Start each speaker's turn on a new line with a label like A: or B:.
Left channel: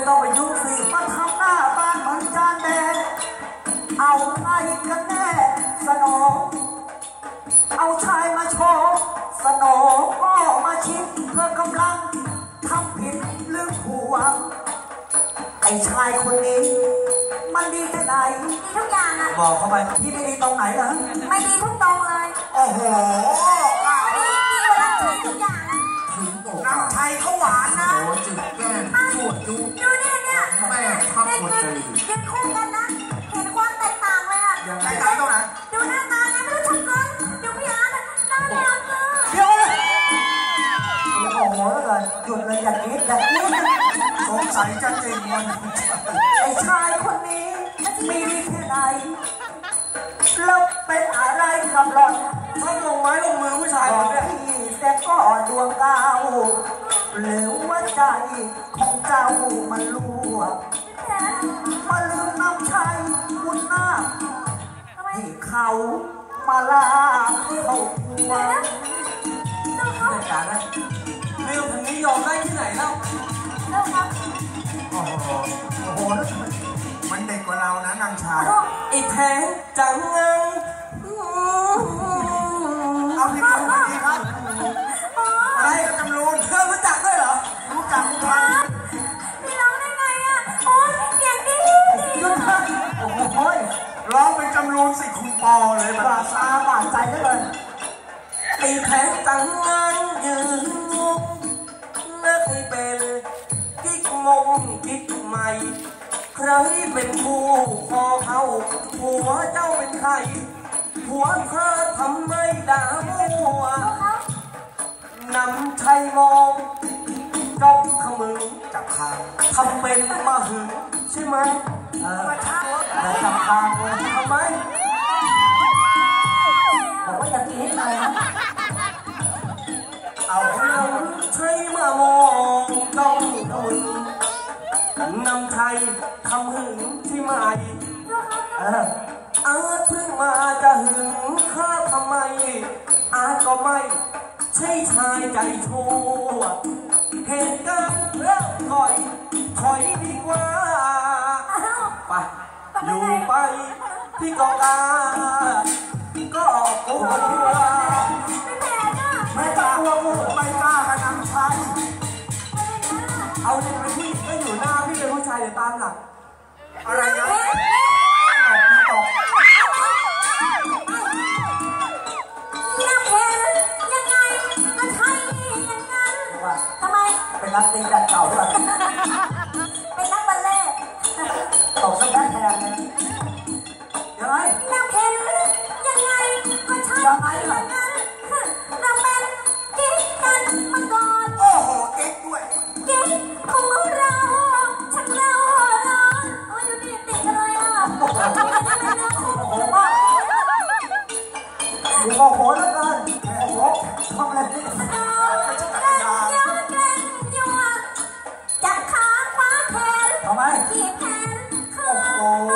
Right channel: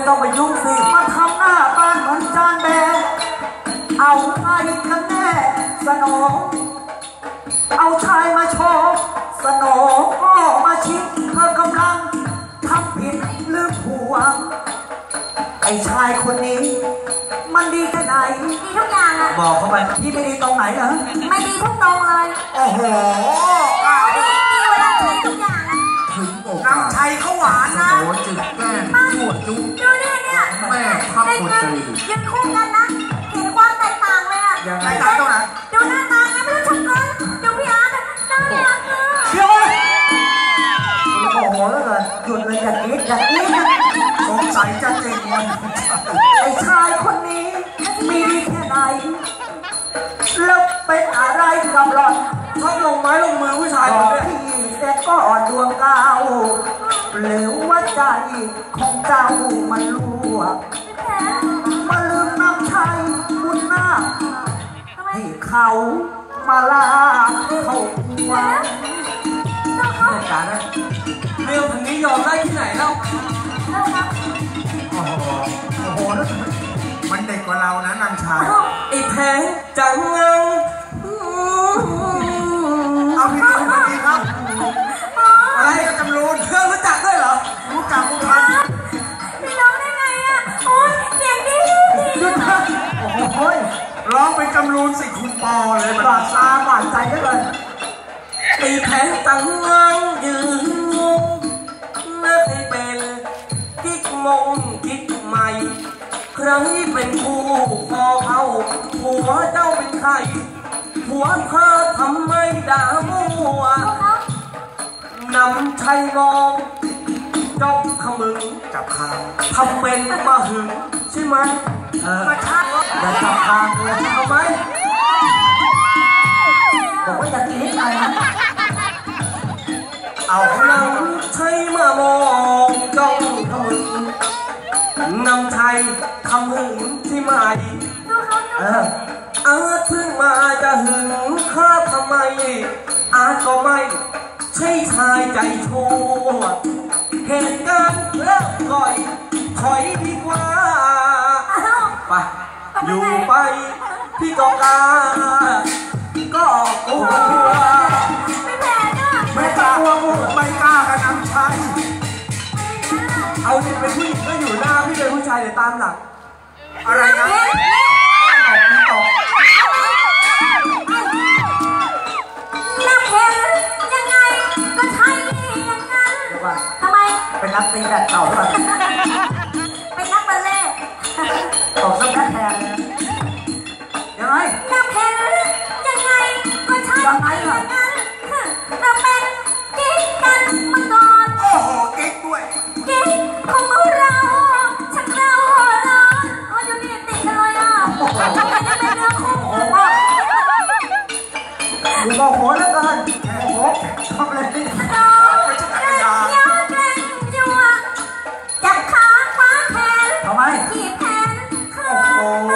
A: ไม่ต้องไปยุ่งสิมาทำหน้าบ้านเหมือนจานแบนเอาใครกันแน่สนอง เอาชายมาโชว์สนองก็มาชิดเธอกำลังทำผิดหรือผัวไอ้ชายคนนี้ มันดีแค่ไหน
B: ดีทุกอย่างอะ
A: บอกเข้าไปที่ไม่ดีตรงไหนเหรอ
B: ไม่ดีทุกตรงเลย
A: โอ้โห
B: เขา
C: หวานนะ
D: โอ้จึงแกล้งชั่วจุ
B: ดูเนี่ยเนี่ย
D: แม่ทัพ
B: ได้
D: คน
B: เงิน
D: ใจดี
B: ยืนคู่กันนะ เห็นความแตกต่างเลยอะ
A: ยังไง
C: แตกต่างตรงไหน
B: ดูหน้าตาเนี่ยไม่รู้จักกันดูพี่อาร์ตอะน่ารักอะ
A: เดี๋ยวเลยโอ้โหแล้วกันหยุดเลยอย่ากรีดอย่ากรีดนะ
C: สงสัยจะเจงวันของชาย
A: ไอ้ชายคนนี้มีดีแค่ไหนแล้วเป็นอะไรกับหล่อนชอบลงไม้ลงมือผู้ชายคนนี้พี่แซ่ก็อ่อนดวงดาว หรือว่าใจของเจ้ามันรั่ว
B: พี่แพ้
A: มาลืมน้ำชัยบุญนาค
B: ทำไม
A: ให้เขามาลาเขาหัว
B: เจ้าเขา
A: จัดการนะเรื่องทางนี้ยอมได้ที่ไหนเล่า
B: เจ้าเขา
C: โอ้โห
A: โอ้โหแล้ว
C: มันเด็กกว่าเรานะนางชาย
A: ไอ้แพ้จังเง
C: จำรูน
B: สิ
C: คุณปอเลยมัน
A: บาดตาบาดใจได้เลยไอ้แพ้จังเงายืนงงนักให้เป็นกิ๊กมงกิ๊กใหม่ใครเป็นคู่คอเขาผัวเจ้าเป็นใครผัวเธอทำไมด่ามัวนำชัยมองจ้องขมึง
C: จับคา
A: ทำเป็นมาหึงใช่ไหมเออ อย่าจับทางเลยทำไมบอกว่าอย่าตีอะไรนะ
C: เอาเขา
A: นำชัยมามองจ้องขมึงนำชัยทำหึงใช่ไหม
B: ดูเขาดู
A: เอออาจเพิ่งมาจะหึงข้าทำไม อาจก็ไม่ใช่ชายใจชั่วเหตุการณ์เริ่มก่อยถอยดีกว่า ไป อยู่ไปพี่ก็กล้าก็กลัว
B: ไม่แพ้เนี่ย
C: ไม่กล้ากลัวมุกไม่กล้ากับนางชัย
A: เอาสิเป็นผู้หญิงก็อยู่หน้าพี่เป็นผู้ชายเดี๋ยวตามหลัง
C: อะไรนะ
B: เฮ้ยเฮ้ย
C: ตกไม่ตก
B: น้ำเห็นยังไงก็ใช่อย่างนั้นทำไม
A: เป็นนักตีแบบเก่าหรือเปล่า
B: เป็นนักบัลเล่ต์
A: ตบสัก ดูโมโหเหลือเกินโอ้โหทำอะไรนี่
B: น้องยอดแรงยัวจับขาคว้าแขน
A: ทำไม
B: ขี่แขนขา
A: โอ้โห